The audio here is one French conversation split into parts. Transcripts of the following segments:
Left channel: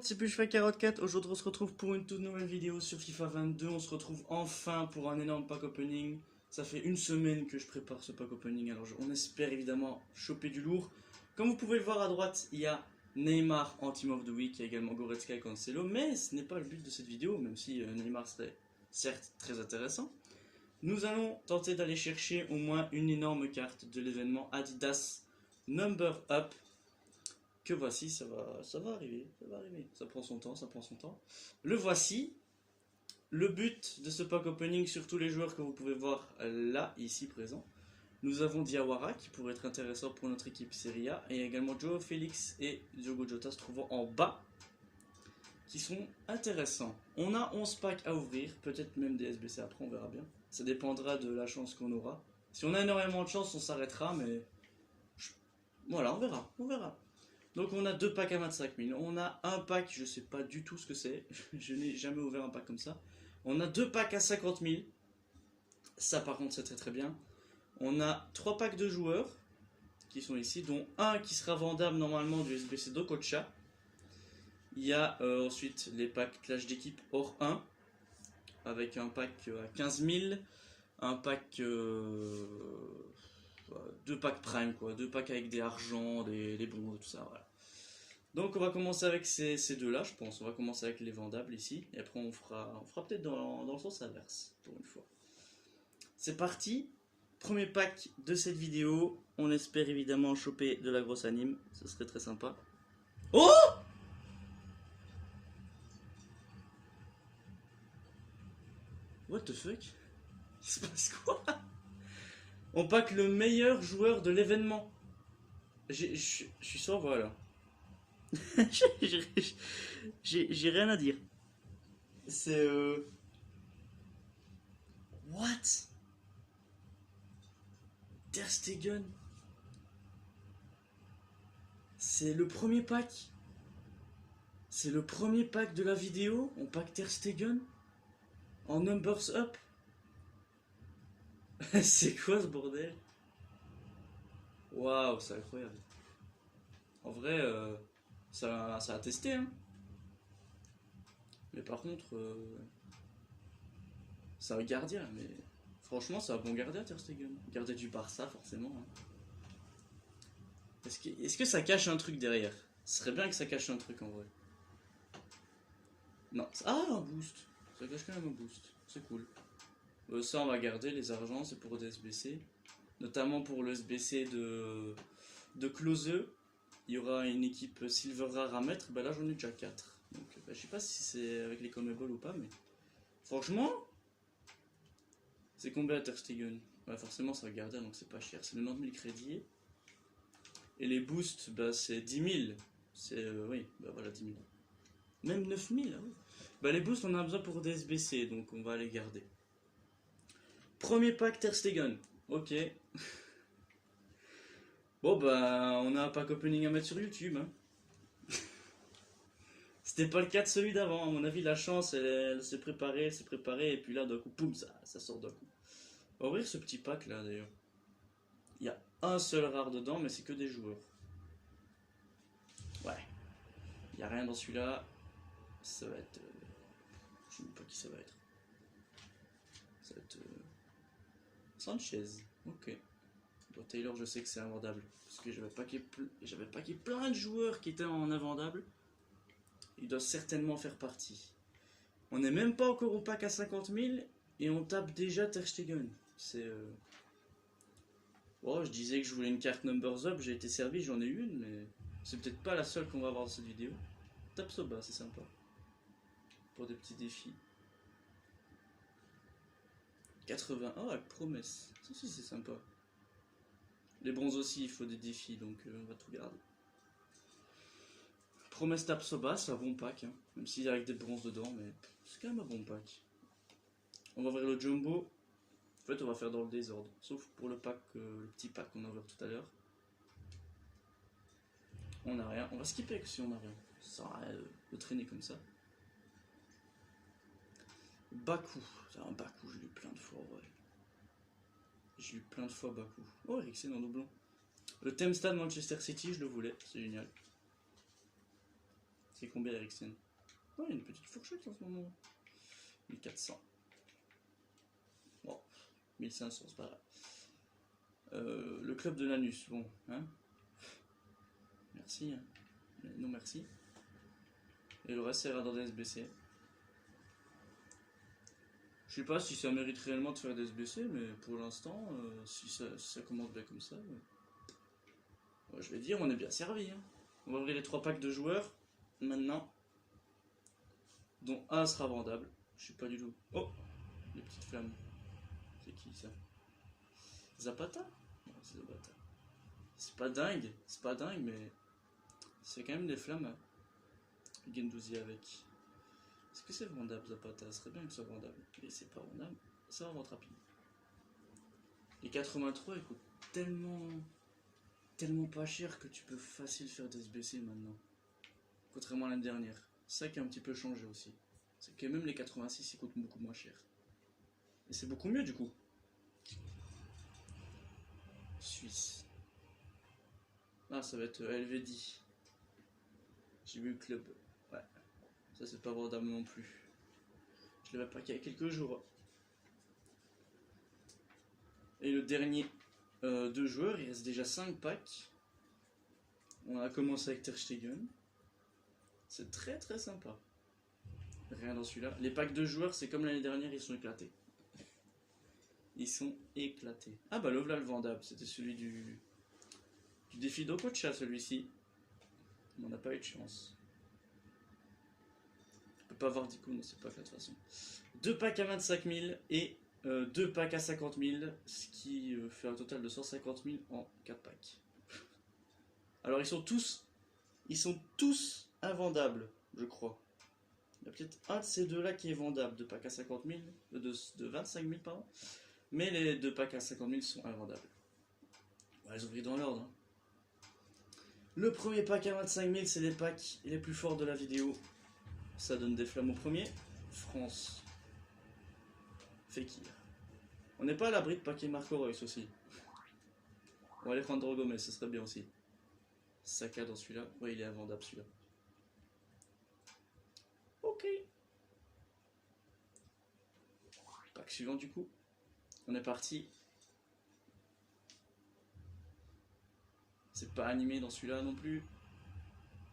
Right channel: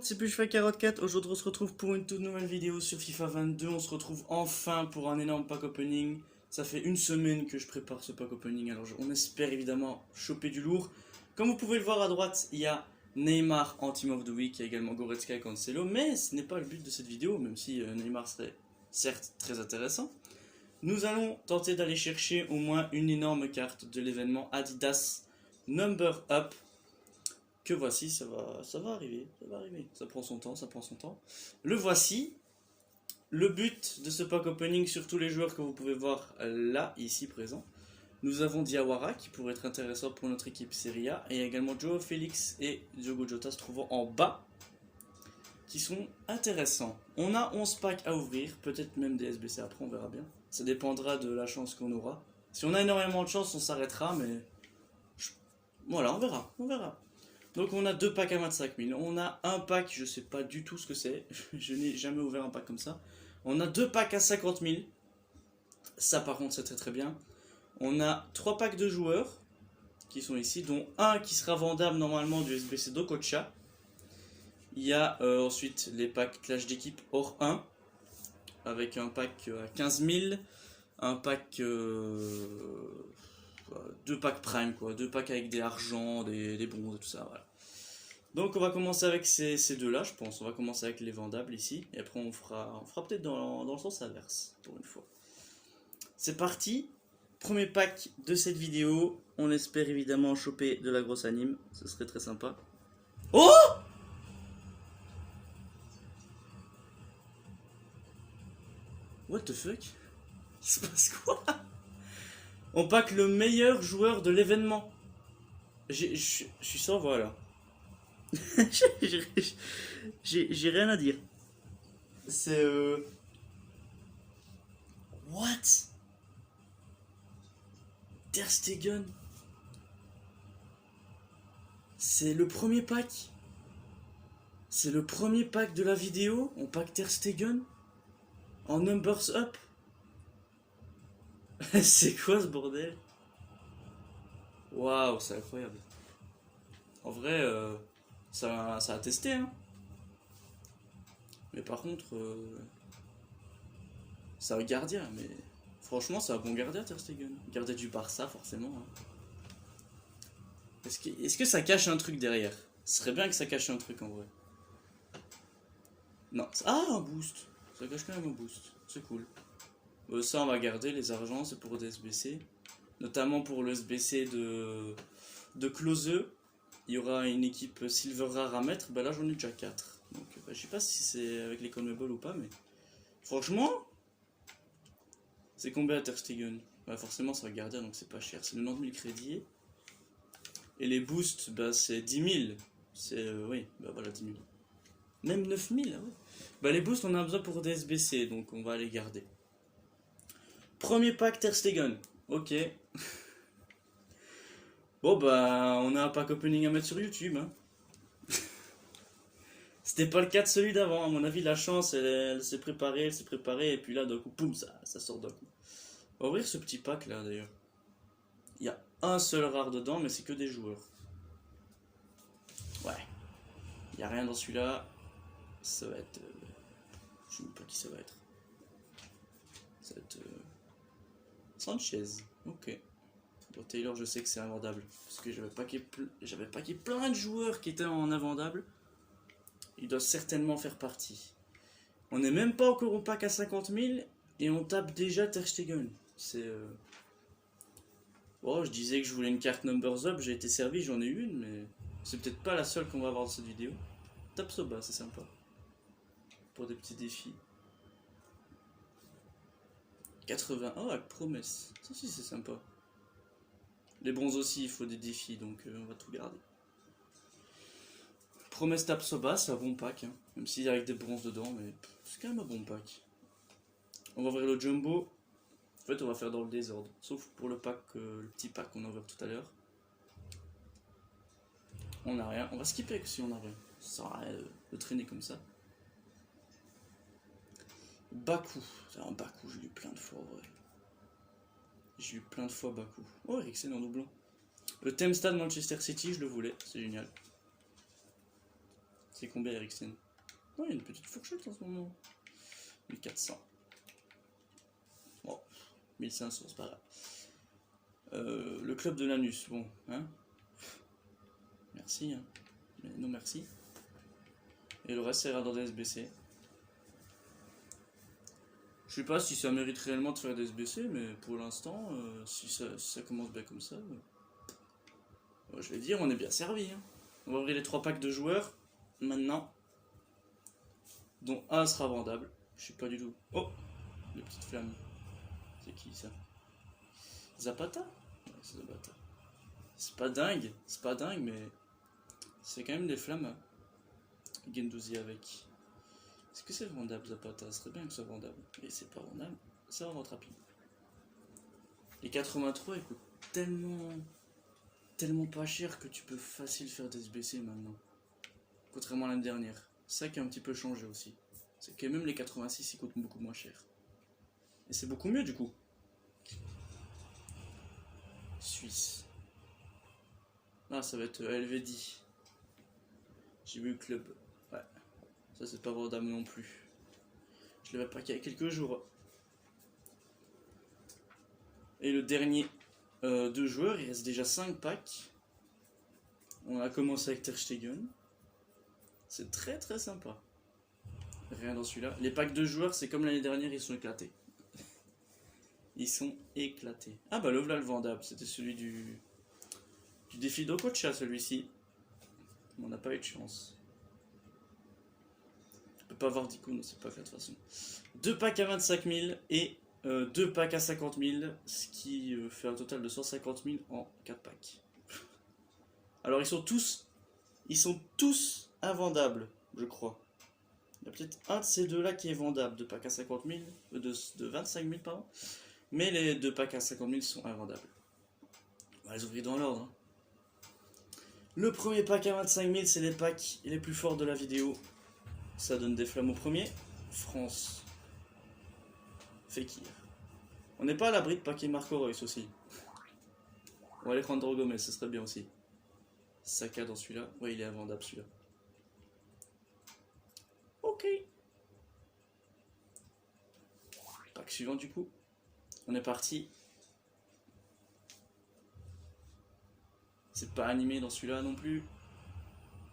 C'est Pushfy44, aujourd'hui on se retrouve pour une toute nouvelle vidéo sur FIFA 22, on se retrouve enfin pour un énorme pack opening. Ça fait une semaine que je prépare ce pack opening, alors on espère évidemment choper du lourd. Comme vous pouvez le voir à droite, il y a Neymar en Team of the Week, il y a également Goretzka et Cancelo, mais ce n'est pas le but de cette vidéo, même si Neymar serait certes très intéressant. Nous allons tenter d'aller chercher au moins une énorme carte de l'événement Adidas Number Up. Que voici, ça va arriver, ça prend son temps, Le voici. Le but de ce pack opening sur tous les joueurs que vous pouvez voir là, ici présent. Nous avons Diawara qui pourrait être intéressant pour notre équipe Serie A, et il y a également Joao Félix et Diogo Jota se trouvant en bas, qui sont intéressants. On a 11 packs à ouvrir, peut-être même des SBC après, on verra bien. Ça dépendra de la chance qu'on aura. Si on a énormément de chance, on s'arrêtera, mais voilà, on verra. Donc on a deux packs à 25 000, on a un pack, je sais pas du tout ce que c'est, je n'ai jamais ouvert un pack comme ça. On a deux packs à 50 000, ça par contre c'est très très bien. On a trois packs de joueurs qui sont ici, dont un qui sera vendable normalement du SBC d'Okocha. Il y a ensuite les packs clash d'équipe hors 1, avec un pack à 15 000, un pack... deux packs prime quoi, deux packs avec des argents, des bronzes et tout ça, voilà. Donc on va commencer avec ces deux là je pense, on va commencer avec les vendables ici, et après on fera peut-être dans le sens inverse, pour une fois. C'est parti, premier pack de cette vidéo, on espère évidemment choper de la grosse anime, ce serait très sympa. Oh! What the fuck? Il se passe quoi? On pack le meilleur joueur de l'événement. Je suis sans voix là. J'ai rien à dire. C'est What? Ter Stegen. C'est le premier pack. C'est le premier pack de la vidéo. On pack Ter Stegen en Numbers Up. C'est quoi ce bordel? Waouh, c'est incroyable. En vrai, ça a testé, hein. Mais par contre, c'est un gardien, mais franchement, c'est un bon gardien, Ter Stegen. Gardien du Barça, forcément. Hein. Est-ce que ça cache un truc derrière? Ce serait bien que ça cache un truc en vrai. Non. Ah, un boost. Ça cache quand même un boost. C'est cool. Ça, on va garder les argents, c'est pour des SBC. Notamment pour le SBC de Klose. Il y aura une équipe Silver Rare à mettre. Bah là, j'en ai déjà 4. Donc, je sais pas si c'est avec les Conmebol ou pas, mais franchement, c'est combien Ter Stegen? Bah, forcément, ça va garder, donc c'est pas cher. C'est 90 000 crédits. Et les boosts, bah, c'est 10 000. C'est, oui, bah voilà, 10 000. Même 9 000, ah ouais. Bah, les boosts, on a besoin pour des SBC, donc on va les garder. Premier pack Ter Stegen. Ok. Bon, bah, on a un pack opening à mettre sur YouTube, hein. C'était pas le cas de celui d'avant, à mon avis, la chance, elle s'est préparée, et puis là, d'un coup, poum, ça sort d'un coup. On va ouvrir ce petit pack là, d'ailleurs. Il y a un seul rare dedans, mais c'est que des joueurs. Ouais. Il n'y a rien dans celui-là. Ça va être... je sais même pas qui ça va être. Ça va être... Sanchez. Ok. Bon, Taylor, je sais que c'est invendable. Parce que j'avais packé plein de joueurs qui étaient en invendable. Il doit certainement faire partie. On n'est même pas encore au pack à 50 000 et on tape déjà Ter Stegen. C'est... Bon, je disais que je voulais une carte Numbers Up, j'ai été servi, j'en ai une, mais c'est peut-être pas la seule qu'on va avoir dans cette vidéo. Tapsoba, c'est sympa. Pour des petits défis. 81, oh, avec promesse. Ça aussi, c'est sympa. Les bronzes aussi, il faut des défis, donc on va tout garder. Promesse Tapsoba, c'est un bon pack, hein. Même s'il y a avec des bronzes dedans, mais c'est quand même un bon pack. On va ouvrir le Jumbo. En fait, on va faire dans le désordre, sauf pour le pack, le petit pack qu'on a ouvert tout à l'heure. On n'a rien, on va skipper si on n'a rien. Ça sert à rien de traîner comme ça. Baku, c'est un Baku, j'ai lu plein de fois, ouais. J'ai lu plein de fois Baku. Oh, Eriksen en doublon. Le Thames Stade Manchester City, je le voulais, c'est génial. C'est combien Eriksen? Oh, il y a une petite fourchette en ce moment. 1400. Bon, 1500, c'est pas grave. Le club de l'anus, bon, hein. Merci, hein. Mais non merci. Et le reste, c'est dans des SBC. Je sais pas si ça mérite réellement de faire des SBC, mais pour l'instant, si ça commence bien comme ça, je vais dire, on est bien servi. Hein. On va ouvrir les 3 packs de joueurs, maintenant, dont un sera vendable. Je sais pas du tout. Oh, les petites flammes. C'est qui ça? Zapata? Ouais, c'est Zapata. C'est pas dingue, mais c'est quand même des flammes. Gendouzi avec. Est-ce que c'est vendable Zapata? Ce serait bien que ce soit vendable. Et c'est pas vendable, ça va rentrer rapide. Les 83 ils coûtent tellement pas cher que tu peux facile faire des SBC maintenant. Contrairement à l'année dernière. C'est ça qui a un petit peu changé aussi. C'est que même les 86 ils coûtent beaucoup moins cher. Et c'est beaucoup mieux du coup. Suisse. Ah, ça va être LVD. J'ai vu le club. Ouais. Ça c'est pas vendable non plus. Je l'avais pas qu'il y a quelques jours. Et le dernier 2 joueurs, il reste déjà 5 packs. On a commencé avec Ter Stegen. C'est très sympa. Rien dans celui-là. Les packs de joueurs, c'est comme l'année dernière, ils sont éclatés. Ils sont éclatés. Ah bah le voilà le vendable, c'était celui du défi d'Okocha celui-ci. On n'a pas eu de chance. Je peux pas avoir d'icône, c'est pas fait de toute façon. 2 packs à 25 000 et 2 packs à 50 000, ce qui fait un total de 150 000 en 4 packs. Alors ils sont tous invendables, je crois. Il y a peut-être un de ces deux-là qui est vendable, 2 packs à 50 000, de 25 000 pardon. Mais les 2 packs à 50 000 sont invendables. On va les ouvrir dans l'ordre. Hein. Le premier pack à 25 000, c'est les packs les plus forts de la vidéo. Ça donne des flammes au premier. France. Fekir. On n'est pas à l'abri de paquet Marco Reus aussi. On va aller prendre Gomez, ce serait bien aussi. Saka dans celui-là. Ouais, il est invendable celui-là. Ok. Pack suivant du coup. On est parti. C'est pas animé dans celui-là non plus.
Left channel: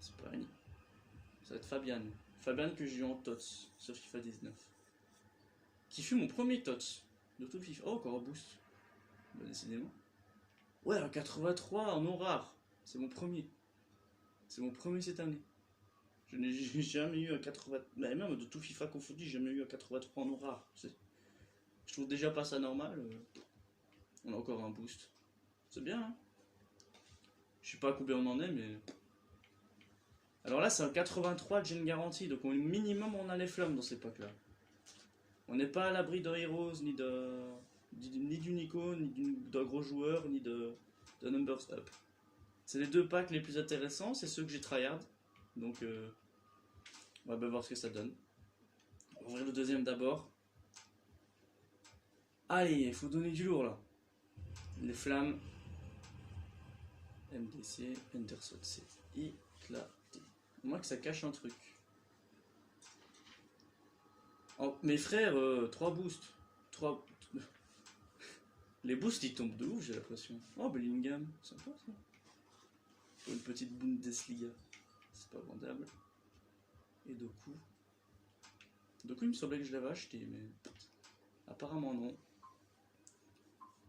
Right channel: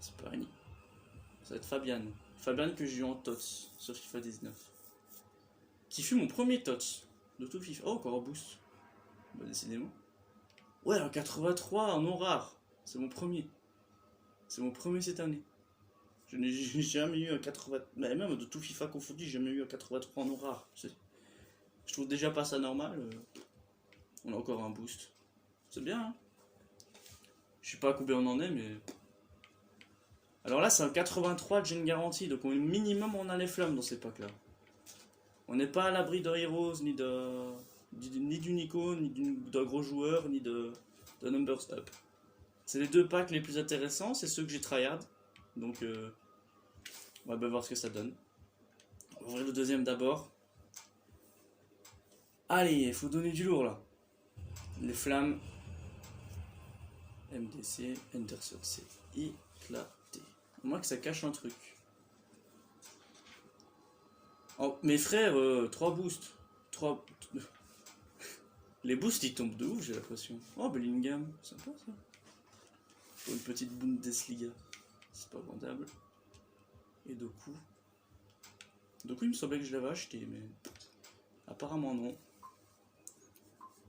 C'est pas animé. Ça va être Fabian. Fabian que j'ai eu en TOTS sur FIFA 19. Qui fut mon premier TOTS de tout FIFA. Oh, encore un boost. Bah, décidément. Ouais, un 83 en non rare. C'est mon premier. C'est mon premier cette année. Je n'ai jamais eu un 80. Mais même de tout FIFA confondu, j'ai jamais eu un 83 en non rare. Je trouve déjà pas ça normal. On a encore un boost. C'est bien, hein. Je sais pas à combien on en est, mais. Alors là, c'est un 83 de gêne garantie. Donc au minimum, on a les flammes dans ces packs-là. On n'est pas à l'abri de Heroes, ni d'une icône, ni d'un gros joueur, ni de Numbers Up. C'est les 2 packs les plus intéressants, c'est ceux que j'ai tryhard. Donc, on va bien voir ce que ça donne. On va ouvrir le deuxième d'abord. Allez, il faut donner du lourd là. Les flammes. MDC, Henderson, c'est éclaté. Au moins que ça cache un truc. Oh, mes frères, 3 boosts. 3. Les boosts ils tombent de ouf, j'ai l'impression. Oh, Bellingham, sympa ça. Pour une petite Bundesliga. C'est pas vendable. Et Doku. Doku, il me semblait que je l'avais acheté, mais apparemment non.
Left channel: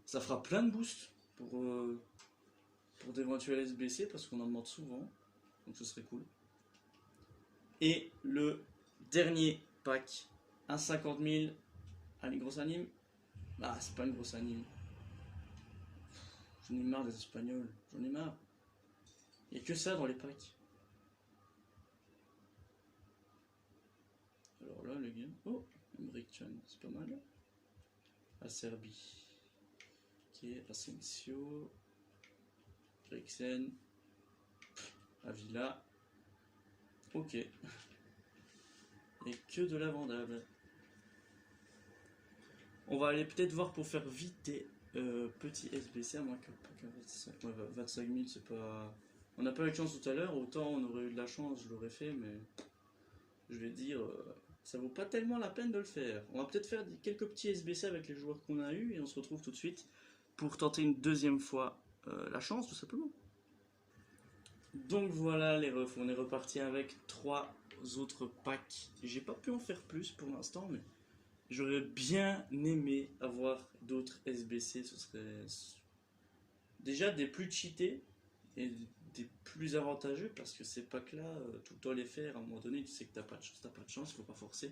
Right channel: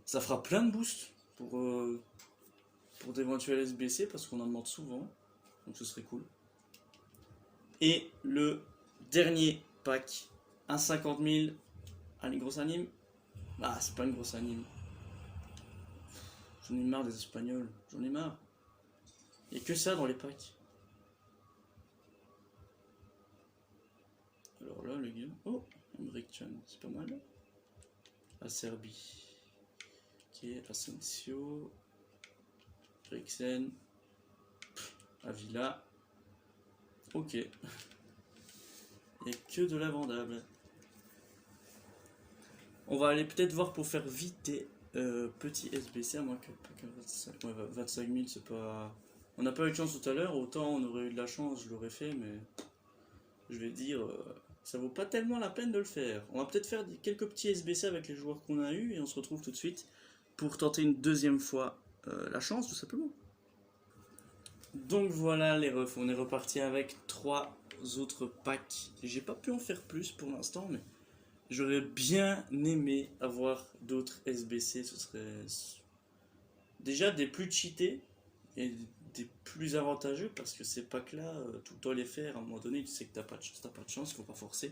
Ça fera plein de boosts pour d'éventuels SBC parce qu'on en demande souvent. Donc ce serait cool. Et le dernier pack, un 50 000. Allez, grosse anime. Ah, c'est pas une grosse anime. J'en ai marre des Espagnols. J'en ai marre. Il n'y a que ça dans les packs. Alors là, les gars. Oh, Emre Can, c'est pas mal. La Serbie. Ok, Asensio. Eriksen. Avila. Ok. Il n'y a que de la vendable. On va aller peut-être voir pour faire vite des petits SBC, à moins que 25 000, c'est pas... On n'a pas eu de chance tout à l'heure, autant on aurait eu de la chance, je l'aurais fait, mais je vais dire, ça vaut pas tellement la peine de le faire. On va peut-être faire quelques petits SBC avec les joueurs qu'on a eu et on se retrouve tout de suite pour tenter une deuxième fois la chance, tout simplement. Donc voilà les refs, on est reparti avec 3 autres packs. J'ai pas pu en faire plus pour l'instant, mais j'aurais bien aimé avoir d'autres SBC. Ce serait déjà des plus cheatés et des plus avantageux parce que ces packs là, tout le temps les faire, à un moment donné tu sais que t'as pas de chance, il faut pas forcer.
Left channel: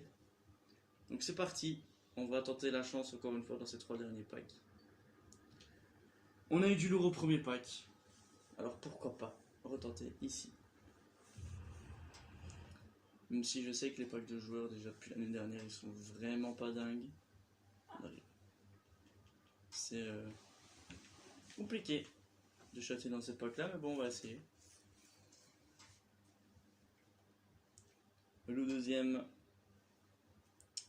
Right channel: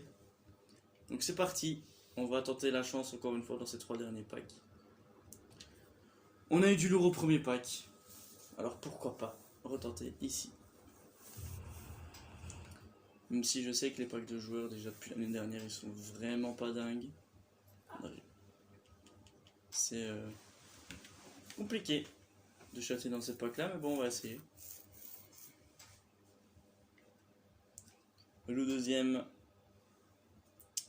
Donc c'est parti, on va tenter la chance encore une fois dans ces 3 derniers packs. On a eu du lourd au premier pack, alors pourquoi pas retenter ici. Même si je sais que les packs de joueurs déjà depuis l'année dernière ils sont vraiment pas dingues. C'est compliqué de chatter dans ces packs là, mais bon on va essayer. Le deuxième,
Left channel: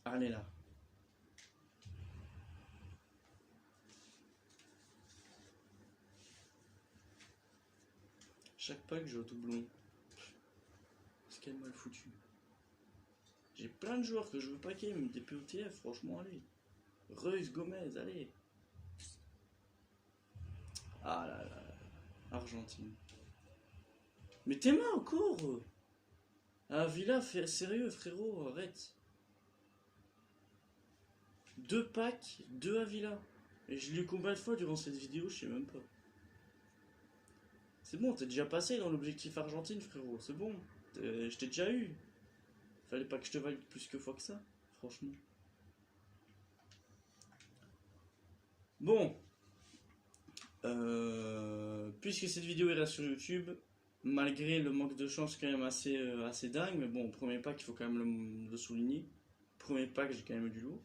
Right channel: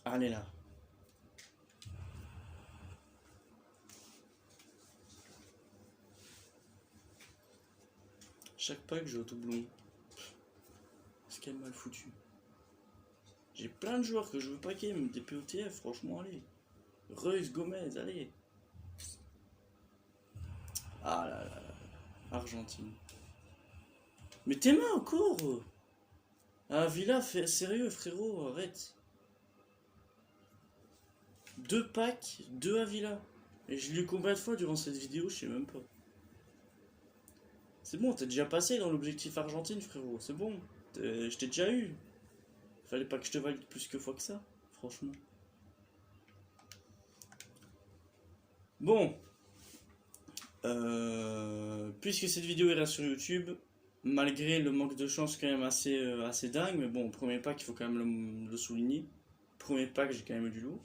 allez là. Chaque pack j'ai au doublon. C'est quand même mal foutu. J'ai plein de joueurs que je veux packer, même des POTF, franchement, allez. Reus, Gomez, allez. Ah là là là. Argentine. Mais tes mains encore. Ah, Villa, sérieux, frérot, arrête. 2 packs, 2 à Villa. Et je l'ai eu combien de fois durant cette vidéo, je sais même pas. C'est bon, t'es déjà passé dans l'objectif Argentine, frérot, c'est bon. Je t'ai déjà eu. Fallait pas que je te valide plus que fois que ça, franchement. Bon. Puisque cette vidéo est là sur YouTube, malgré le manque de chance quand même assez dingue, mais bon, premier pack, il faut quand même le souligner. Premier pack, j'ai quand même eu du lourd.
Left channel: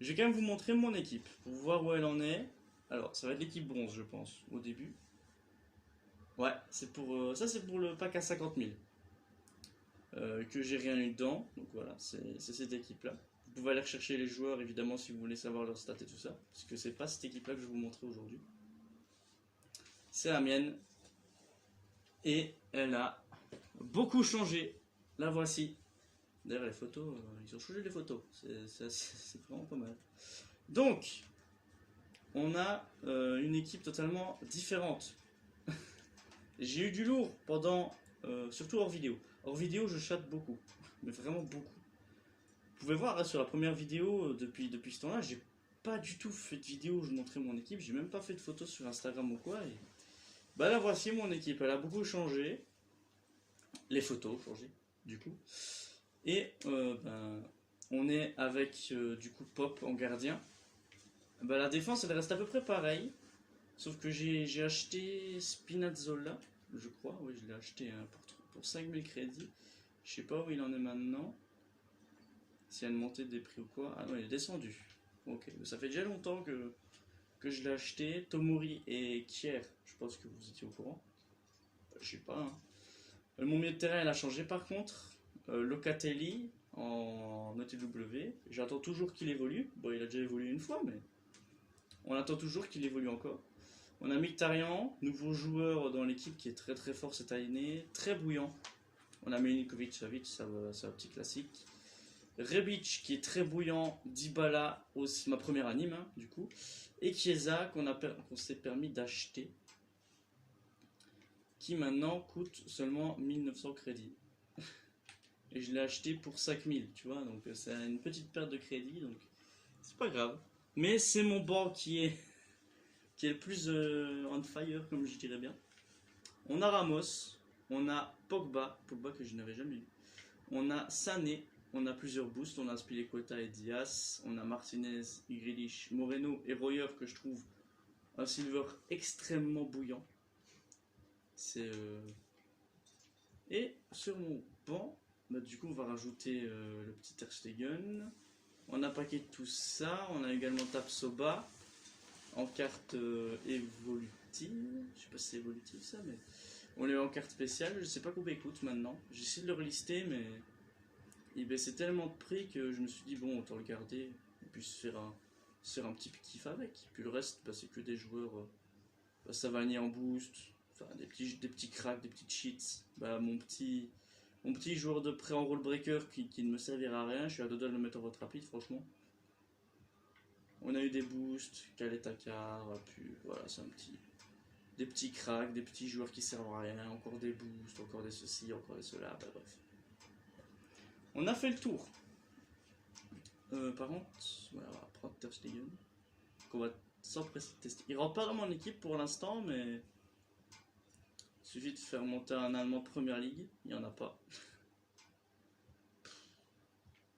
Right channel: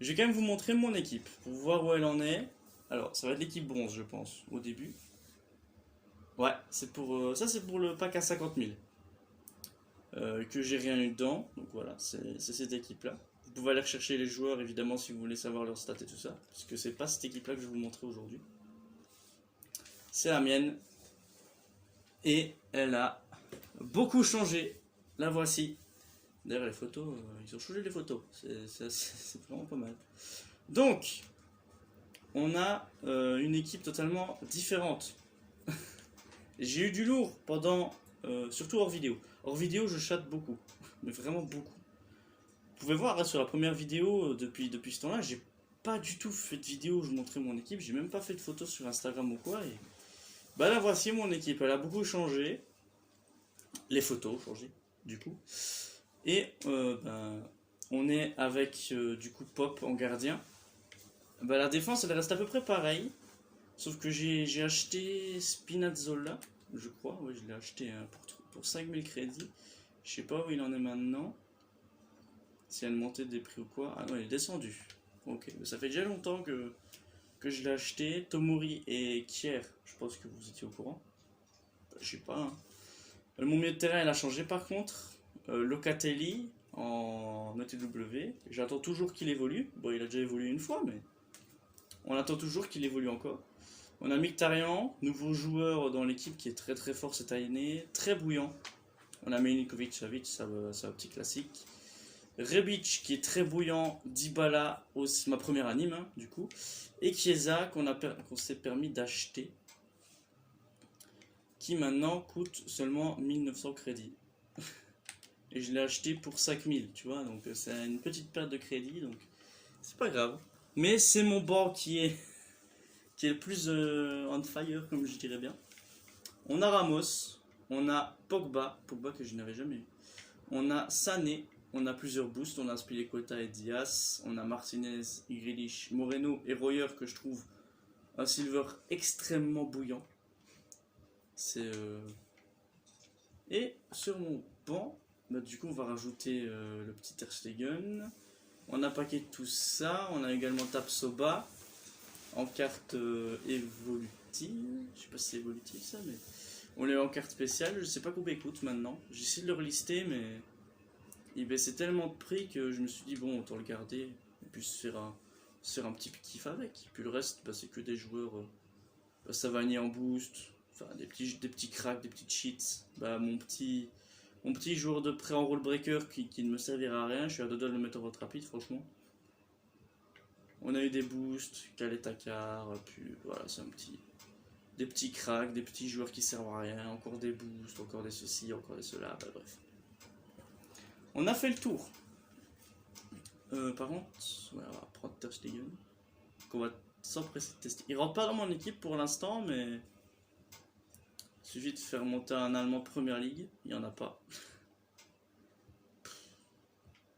Je vais quand même vous montrer mon équipe, pour voir où elle en est. Alors, ça va être l'équipe bronze, je pense, au début. Ouais, c'est pour ça c'est pour le pack à 50 000. Que j'ai rien eu dedans, donc voilà, c'est cette équipe-là. Vous pouvez aller rechercher les joueurs, évidemment, si vous voulez savoir leur stats et tout ça, parce que c'est pas cette équipe-là que je vais vous montrer aujourd'hui. C'est la mienne. Et elle a beaucoup changé. La voici. D'ailleurs, les photos, ils ont changé les photos. C'est vraiment pas mal. Donc, on a une équipe totalement différente. J'ai eu du lourd pendant, surtout hors vidéo. Hors vidéo, je chatte beaucoup, mais vraiment beaucoup. Vous pouvez voir là, sur la première vidéo, depuis ce temps-là, j'ai pas du tout fait de vidéo où je montrais mon équipe. J'ai même pas fait de photos sur Instagram ou quoi. Et bah là, voici mon équipe. Elle a beaucoup changé. Les photos ont changé, du coup. Et on est avec du coup Pop en gardien. Bah, la défense elle reste à peu près pareille. Sauf que j'ai acheté Spinazzola, je crois. Ouais, je l'ai acheté pour 5000 crédits. Je sais pas où il en est maintenant. Si elle montait des prix ou quoi. Ah non, il est descendu. Ok, mais ça fait déjà longtemps que je l'ai acheté. Tomori et Kier, je pense que vous étiez au courant. Je sais pas. Hein. Mon milieu de terrain il a changé par contre. Locatelli en ETW. J'attends toujours qu'il évolue. Bon, il a déjà évolué une fois, mais on attend toujours qu'il évolue encore. On a Mkhitaryan, nouveau joueur dans l'équipe qui est très très fort cette année, très bouillant. On a Milinkovic Savic, ça va petit classique. Rebic qui est très bouillant, Dybala aussi, ma première anime hein, du coup. Et Chiesa qu'on s'est permis d'acheter. Qui maintenant coûte seulement 1900 crédits. Et je l'ai acheté pour 5000, tu vois, donc c'est une petite perte de crédit, donc c'est pas grave. Mais c'est mon banc qui est le plus on fire, comme je dirais bien. On a Ramos, on a Pogba que je n'avais jamais eu. On a Sané, on a plusieurs boosts, on a Spilicueta et Diaz, on a Martinez, Grealish, Moreno et Royer que je trouve un silver extrêmement bouillant. C'est Et sur mon banc, bah, du coup on va rajouter le petit Ter Stegen. On a paqué tout ça, on a également Tapsoba en carte évolutive. Je sais pas si c'est évolutif ça, mais on est en carte spéciale. Je sais pas combien il coûte maintenant. J'essaie de le relister, mais il baissait tellement de prix que je me suis dit bon, autant le garder et puis se faire un petit kiff avec. Puis le reste, bah, c'est que des joueurs Savanier en boost, enfin des petits cracks, des petites cheats. Bah mon petit joueur de prêt en rule breaker qui ne me servira à rien, je suis à deux doigts de le mettre en vote rapide franchement. On a eu des boosts, Calais Takar, puis voilà, c'est des petits cracks, des petits joueurs qui servent à rien, encore des boosts, encore des ceci, encore des cela, bah bref. On a fait le tour. Par contre, ouais, on va prendre Ter Stegen, qu'on va s'empresser de tester. Il rentre pas dans mon équipe pour l'instant, mais il suffit de faire monter un Allemand Première Ligue, il n'y en a pas.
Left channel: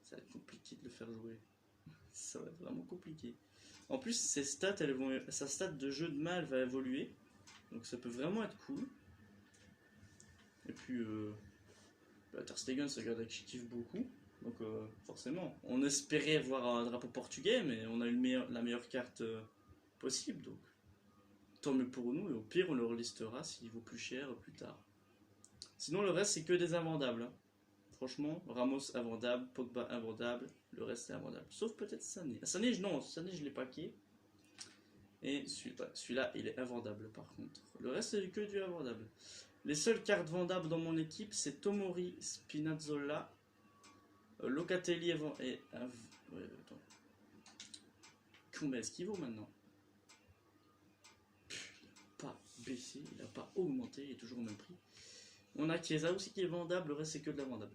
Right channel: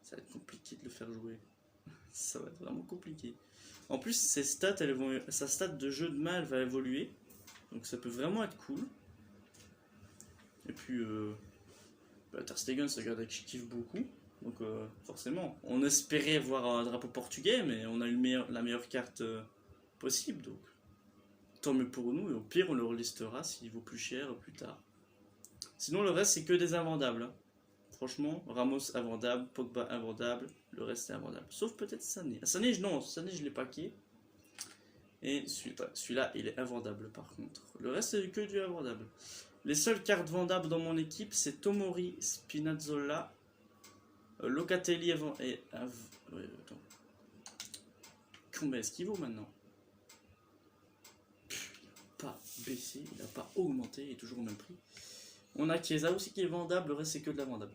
Ça va être compliqué de le faire jouer. Ça va être vraiment compliqué. En plus, ses stats, sa stat de jeu de main, elle va évoluer. Donc ça peut vraiment être cool. Et puis, Ter Stegen, c'est un gars que je kiffe beaucoup. Donc forcément, on espérait voir un drapeau portugais, mais on a eu la meilleure carte possible. Donc tant mieux pour nous. Et au pire, on le relistera s'il vaut plus cher plus tard. Sinon, le reste, c'est que des invendables. Hein. Franchement, Ramos invendable, Pogba invendable, le reste c'est invendable. Sauf peut-être Sané. Sané, non, Sané je l'ai paqué. Et celui-là, il est invendable par contre. Le reste c'est que du invendable. Les seules cartes vendables dans mon équipe, c'est Tomori, Spinazzola, Locatelli et... ouais, attends. Combien est-ce qu'il vaut maintenant? Il n'a pas baissé, il n'a pas augmenté, il est toujours au même prix. On a Chiesa aussi qui est vendable, le reste c'est que de la vendable.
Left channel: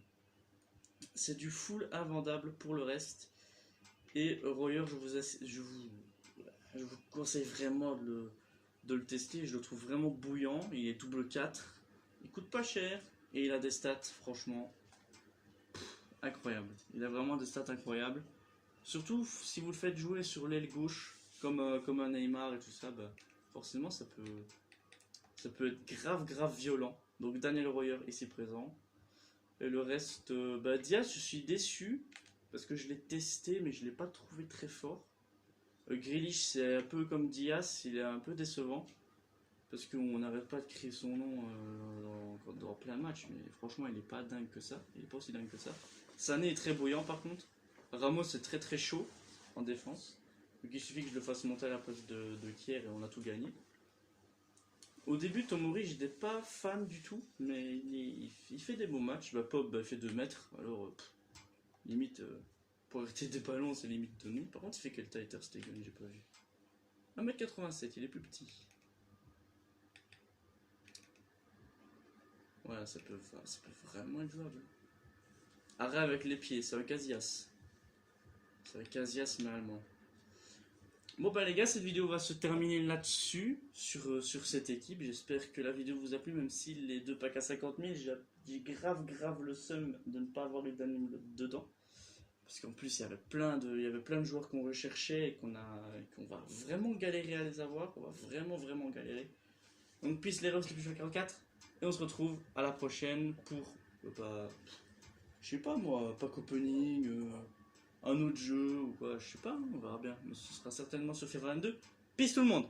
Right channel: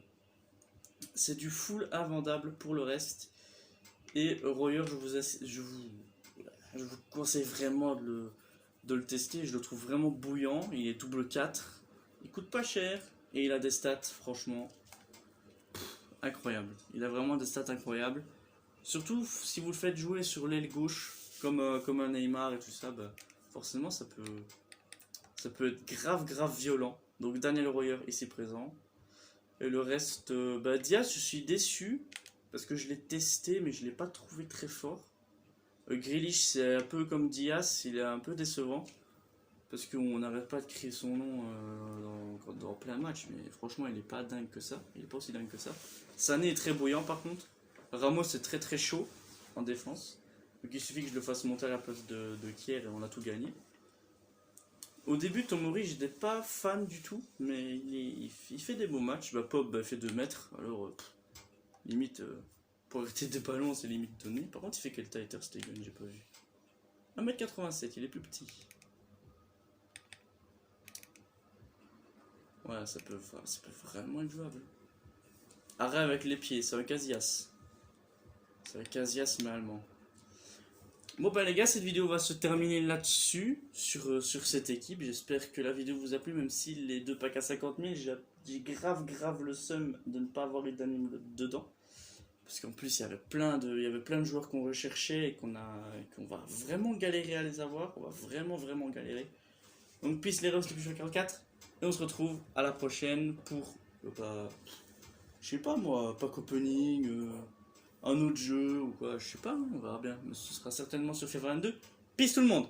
C'est du full invendable pour le reste. Et Royer, je vous conseille vraiment de le tester. Je le trouve vraiment bouillant. Il est double 4. Il coûte pas cher. Et il a des stats, franchement, incroyables. Il a vraiment des stats incroyables. Surtout si vous le faites jouer sur l'aile gauche, comme un Neymar et tout ça, bah, forcément ça peut être grave violent. Donc Daniel Royer ici présent. Et le reste, Diaz, je suis déçu parce que je l'ai testé, mais je ne l'ai pas trouvé très fort. Grealish, c'est un peu comme Diaz, il est un peu décevant parce qu'on n'arrête pas de crier son nom dans plein de matchs, mais franchement, il n'est pas dingue que ça. Il n'est pas aussi dingue que ça. Sané est très bouillant par contre. Ramos est très chaud en défense. Donc il suffit que je le fasse monter à la place de Kier et on a tout gagné. Au début, Tomori, j'étais pas fan du tout, mais il fait des beaux matchs. Pop fait 2 mètres, alors limite, pour arrêter des ballons, c'est limite donné. Par contre, il fait quelle taille Ter Stegen, j'ai pas vu. 1m87, il est plus petit. Ouais, ça peut vraiment être jouable. Arrêt avec les pieds, c'est un Casillas. C'est un Casillas, mais allemand. Bon bah les gars, cette vidéo va se terminer là-dessus, sur cette équipe. J'espère que la vidéo vous a plu, même si les 2 packs à 50 000, j'ai grave le seum de ne pas avoir les d'anime dedans. Parce qu'en plus, il y avait plein de joueurs qu'on recherchait et qu'on va vraiment galérer à les avoir. On va vraiment galérer. Donc peace les refs, le plus 44. Et on se retrouve à la prochaine pour, je sais pas moi, pack opening... un autre jeu ou quoi, je sais pas, on verra bien. Mais ce sera certainement sur FIFA 22. Peace tout le monde!